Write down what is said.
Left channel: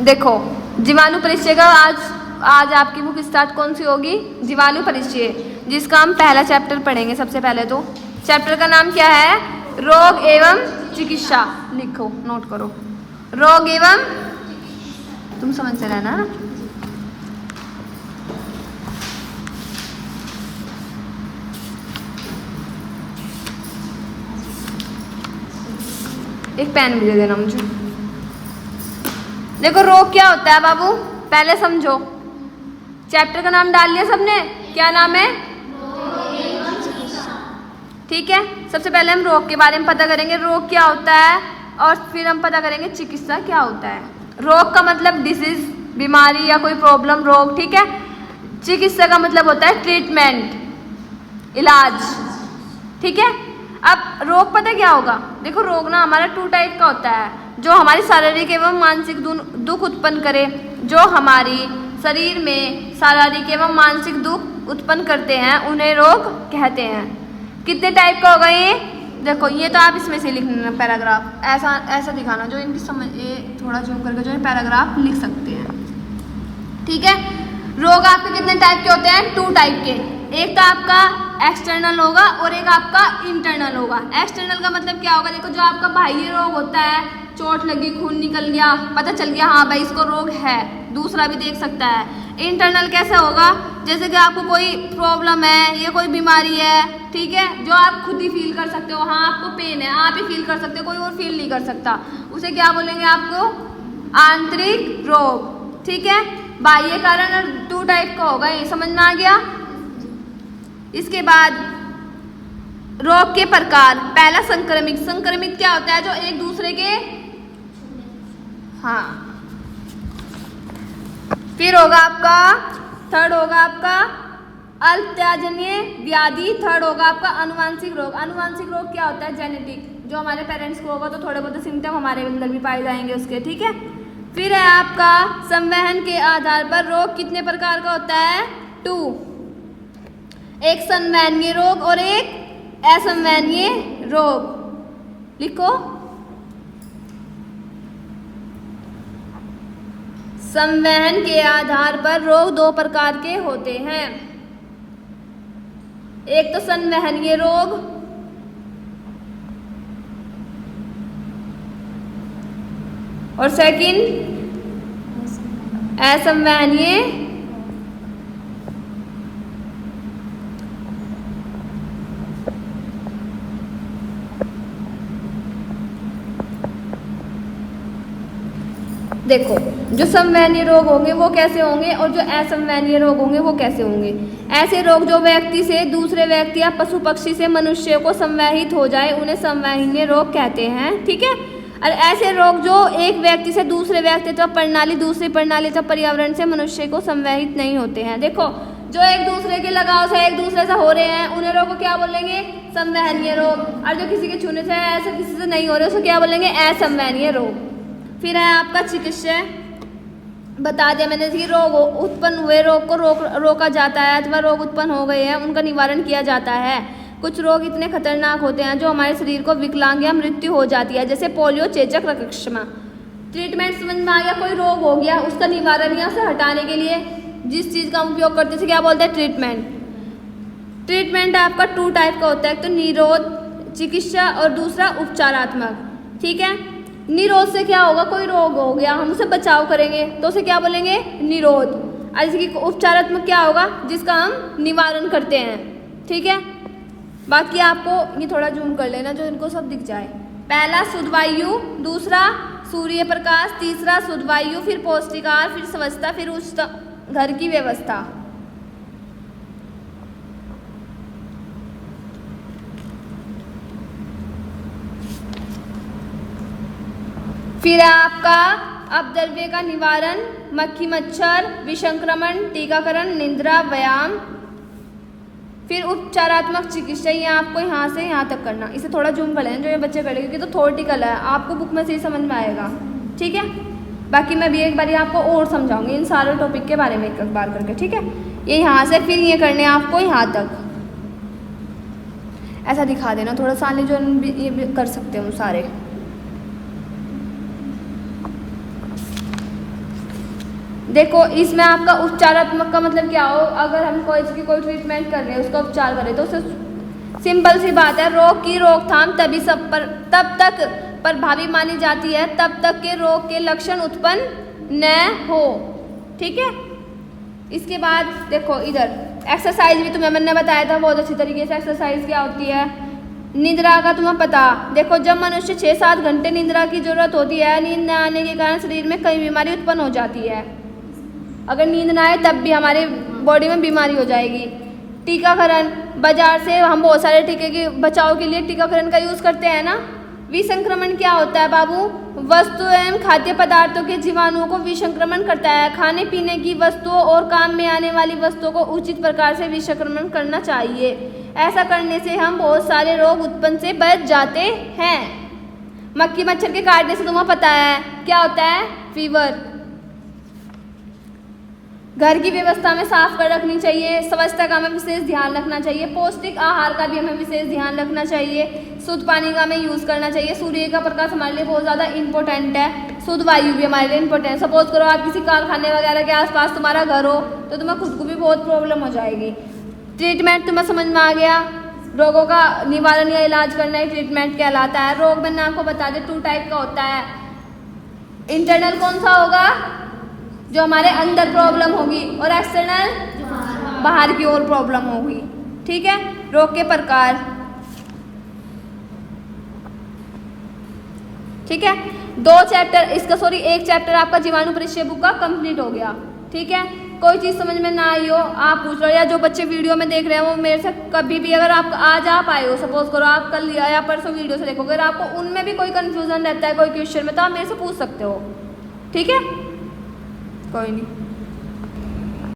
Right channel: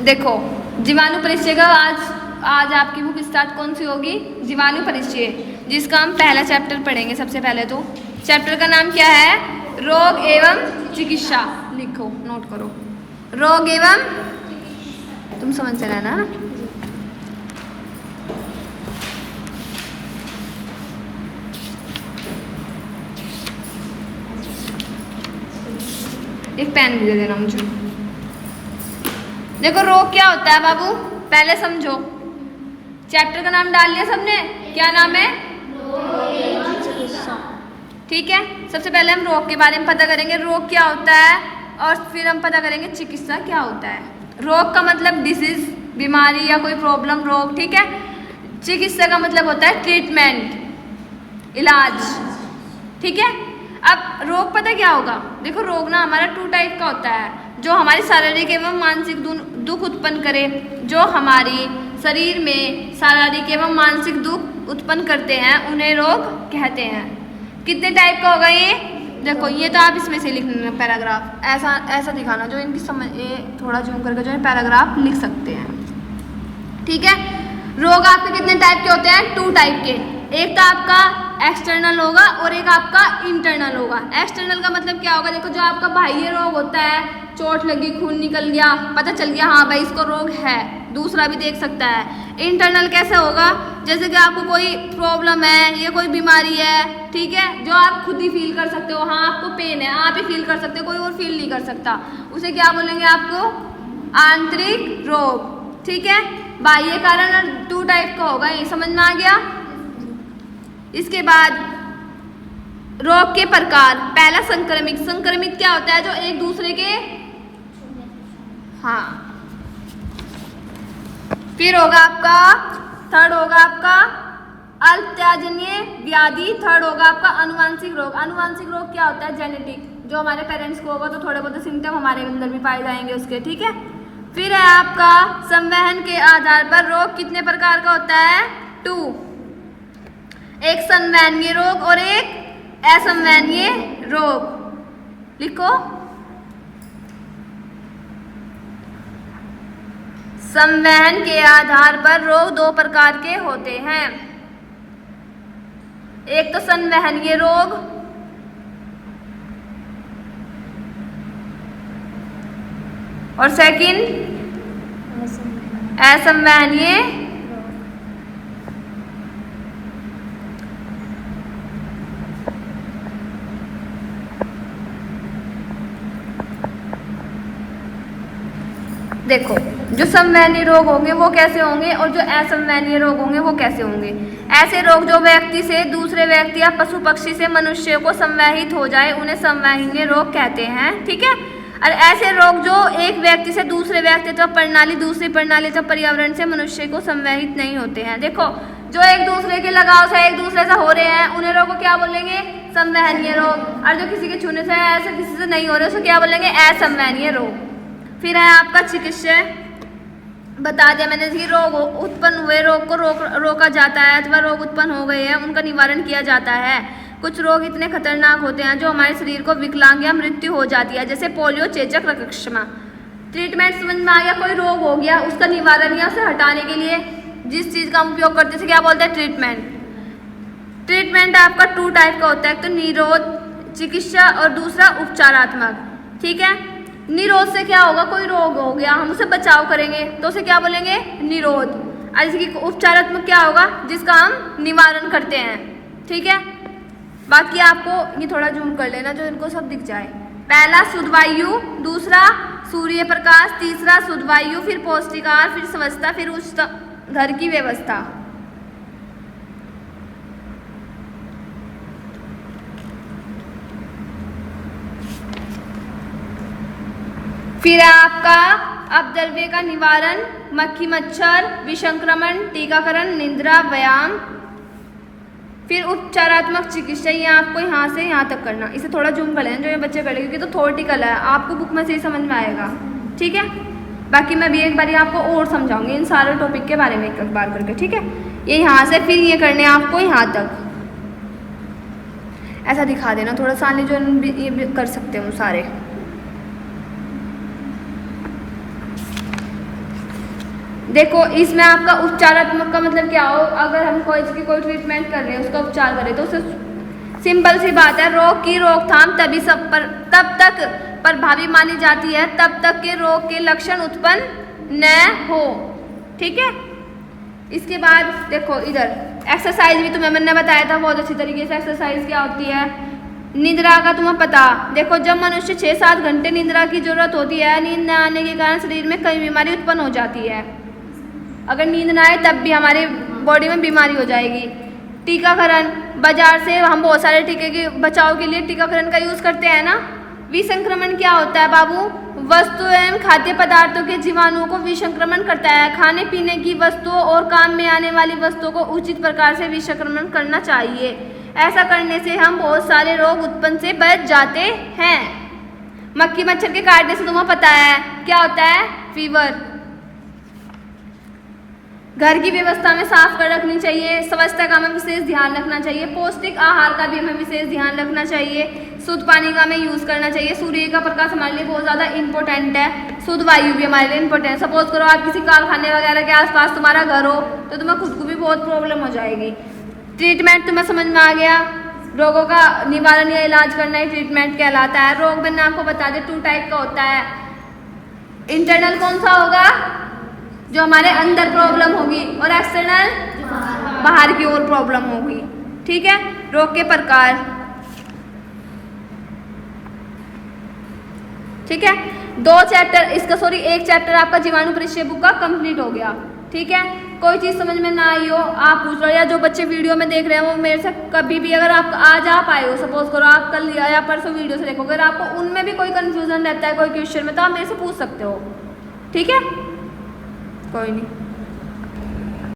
देखो जीवाणु परिचय का आज आपकी बुक स्टार्ट कौन सी होगी? जीवाणु परिचय, जिसका हम पहला चैप्टर पढ़ेंगे। सबसे पहले तो चैप्टर का नाम क्या है? रोग एवं चिकित्सा। लिखो, नोट करो, रोग एवं, तुम समझ से रहना। एक पेन भी दे देना मुझे। देखो रोग क्या होता है बाबू, पहले समझो। चैप्टर का नाम डाल लिया सबने? क्या नाम है? ठीक है, सबसे पहले हम रोग के बारे में पता करेंगे, रोग क्या होता है, और फिर हम पता करेंगे चिकित्सा क्या होता है। रोग का मतलब डिसीज, बीमारी या कोई प्रॉब्लम, रोग। ठीक है, चिकित्सा का मतलब होता है ट्रीटमेंट, इलाज। ठीक है, अब रोग पता क्या होगा? देखो रोग ना हमारा 2 टाइप का होता है, जो हमारी शारीरिक एवं मानसिक दुख उत्पन्न करे। जो हमारी शरीर में शारीरिक एवं मानसिक दुख उत्पन्न करते हैं उन्हें रोग कहते हैं। कितने टाइप का होगा ये? देखो ये तो आप इसमें से लिखना पैराग्राफ, ऐसा दिखाना जो इनकी समझ, ये थोड़ा जूम करके जो है पैराग्राफ लिख सकते हैं। ठीक है, रोग आपके कितने टाइप के होते हैं? 2 टाइप के। एक तो आपका एक्सटर्नल होगा और एक आपका इंटरनल होगा। एक्सटर्नल का मतलब क्या होगा? देखो जो आपका बाह्य रोग होता है, चोट लगी, खून निकल गया, पता चल गया हाँ भाई इसको रोग है, दूसरा भी देख सकता है। इंटरनल कैसे होगा? जैसे कि आपको कोई प्रॉब्लम है या कोई बीमारी है, ठीक है, जो आप खुद ही फील कर सकते हो। हाँ आपको पेन है, आप ही फील कर सकते हो, कोई और फील नहीं कर सकता। उसे क्या बोलेंगे? आपको आंतरिक रोग। ठीक है, बाह्य कारण 2 टाइप का होगा, ये समझ में आ गया। इसके बाद रोग के प्रकार, पहला संक्रमित। संक्रमित क्या होता है? जो एक दूसरे के, हाँ। फिर होगा आपका, थर्ड होगा आपका अल्पत्याजन्य व्याधि। थर्ड होगा आपका अनुवांशिक रोग। अनुवांशिक रोग क्या होता है? जेनेटिक, जो हमारे पेरेंट्स को होगा तो थोड़े बहुत सिम्टम हमारे अंदर भी पाए जाएंगे उसके। ठीक है, फिर है आपका संवहन के आधार पर रोग कितने प्रकार का होता है? 2। एक संवहनीय रोग और एक असंवहनीय रोग। लिखो, संवहन के आधार पर रोग 2 प्रकार के होते हैं। एक तो संवहनीय रोग और सेकंड असंवहनीय। देखो जो संवहनीय रोग होंगे वो कैसे होंगे और जो असंवहनीय रोग होंगे वो कैसे होंगे? ऐसे रोग जो व्यक्ति से दूसरे व्यक्ति या पशु पक्षी से मनुष्य को संवहित हो जाए उन्हें संवहनीय रोग कहते हैं। ठीक है, और ऐसे रोग जो एक व्यक्ति से दूसरे व्यक्ति अथवा प्रणाली, दूसरी प्रणाली अथवा पर्यावरण से मनुष्य को संवहित नहीं होते हैं। देखो जो एक दूसरे के लगाव से एक दूसरे से हो रहे हैं उन्हें रोग को क्या बोलेंगे? संवहनीय रोग। और जो किसी के छूने से ऐसे किसी से नहीं हो रहे उसे क्या बोलेंगे? असंवहनीय रोग। फिर है आपका चिकित्सा। बता दिया मैंने कि रोग उत्पन्न हुए रोग को रोका जाता है अथवा रोग उत्पन्न हो गए हैं उनका निवारण किया जाता है। कुछ रोग इतने खतरनाक होते हैं जो हमारे शरीर को विकलांग या मृत्यु हो जाती है, जैसे पोलियो, चेचक, रक्तक्षमा। ट्रीटमेंट समझ में आ गया? कोई रोग हो गया उसका निवारण या उसे हटाने के लिए जिस चीज़ का हम उपयोग करते हैं क्या बोलते हैं? ट्रीटमेंट। ट्रीटमेंट आपका 2 टाइप का होता है, एक तो निरोध चिकित्सा और दूसरा उपचारात्मक। ठीक है, निरोध से क्या होगा? कोई रोग हो गया हम उसे बचाव करेंगे तो उसे क्या बोलेंगे? निरोध। और इसकी उपचारात्मक क्या होगा? जिसका हम निवारण करते हैं। ठीक है, बाकी आपको ये थोड़ा जूम कर लेना जो इनको सब दिख जाए। पहला शुद्ध वायु, दूसरा सूर्य प्रकाश, तीसरा शुद्ध वायु, फिर पौष्टिक आहार, फिर स्वच्छता, फिर उस घर की व्यवस्था। फिर है आपका अपद्रव्य का निवारण, मक्खी मच्छर, विसंक्रमण, टीकाकरण, निद्रा, व्यायाम। फिर उपचारात्मक चिकित्सा, ये आपको यहाँ से यहाँ तक करना। इसे थोड़ा जूम कर लेना जो ये बच्चे करेंगे क्योंकि तो थ्योरेटिकल है, आपको बुक में से ही समझ में आएगा। ठीक है, बाकी मैं भी एक बार आपको और समझाऊंगी इन सारे टॉपिक के बारे में एक बार करके। ठीक है, ये यहाँ से फिर ये करने आपको यहाँ तक ऐसा दिखा देना थोड़ा सा, जो ये भी कर सकते हो सारे। देखो इसमें आपका उपचारात्मक का मतलब क्या हो, अगर हम कोई की कोई ट्रीटमेंट कर रहे हैं, उसका उपचार करें, तो उसे सिंपल सी बात है, रोग की रोकथाम तभी सब पर तब तक प्रभावी मानी जाती है तब तक के रोग के लक्षण उत्पन्न न हो। ठीक है, इसके बाद देखो इधर एक्सरसाइज भी तुम्हें मैंने बताया था बहुत अच्छी तरीके से। एक्सरसाइज क्या होती है, निद्रा का तुम्हें पता, देखो जब मनुष्य 6-7 घंटे निद्रा की जरूरत होती है, नींद न आने के कारण शरीर में कई बीमारी उत्पन्न हो जाती है। अगर नींद ना आए तब भी हमारे बॉडी में बीमारी हो जाएगी। टीकाकरण, बाजार से हम बहुत सारे टीके के बचाव के लिए टीकाकरण का यूज करते हैं ना। विसंक्रमण क्या होता है बाबू, वस्तु एवं खाद्य पदार्थों के जीवाणुओं को विसंक्रमण करता है। खाने पीने की वस्तुओं और काम में आने वाली वस्तुओं को उचित प्रकार से विसंक्रमण करना चाहिए। ऐसा करने से हम बहुत सारे रोग उत्पन्न से बच जाते हैं। मक्खी मच्छर के काटने से तुम्हें पता है क्या होता है, फीवर। घर की व्यवस्था में साफ कर रखनी चाहिए, स्वच्छता का हमें विशेष ध्यान रखना चाहिए, पौष्टिक आहार का भी हमें विशेष ध्यान रखना चाहिए, शुद्ध पानी का हमें यूज करना चाहिए, सूर्य का प्रकाश हमारे लिए बहुत ज़्यादा इंपॉर्टेंट है, शुद्ध वायु भी हमारे लिए इंपॉर्टेंट है। सपोज करो आप किसी कारखाने वगैरह के आसपास तुम्हारा घर हो तो तुम्हें खुद को भी बहुत प्रॉब्लम हो जाएगी। ट्रीटमेंट तुम्हें समझ में आ गया, रोगों का निवारण या इलाज करना ही ट्रीटमेंट कहलाता है। रोग मैंने आपको बता दें 2 टाइप का होता है। इंटरनल कौन सा होगा, जो हमारे अंदर प्रॉब्लम होगी, और एक्सटर्नल बाहर की ओर प्रॉब्लम होगी। ठीक है, रोग के प्रकार। ठीक है, 2 चैप्टर इसका एक चैप्टर आपका जीवाणु परिचय बुक का कंप्लीट हो गया। ठीक है, कोई चीज़ समझ में ना आई हो आप पूछ लो, या जो बच्चे वीडियो में देख रहे हैं वो मेरे से कभी भी, अगर आप आज आप आए हो, सपोज करो आप कल या परसों वीडियो से देखो, अगर आपको उनमें भी कोई कंफ्यूजन रहता है कोई क्वेश्चन में, तो आप मेरे से पूछ सकते हो। ठीक है, कोई नहीं।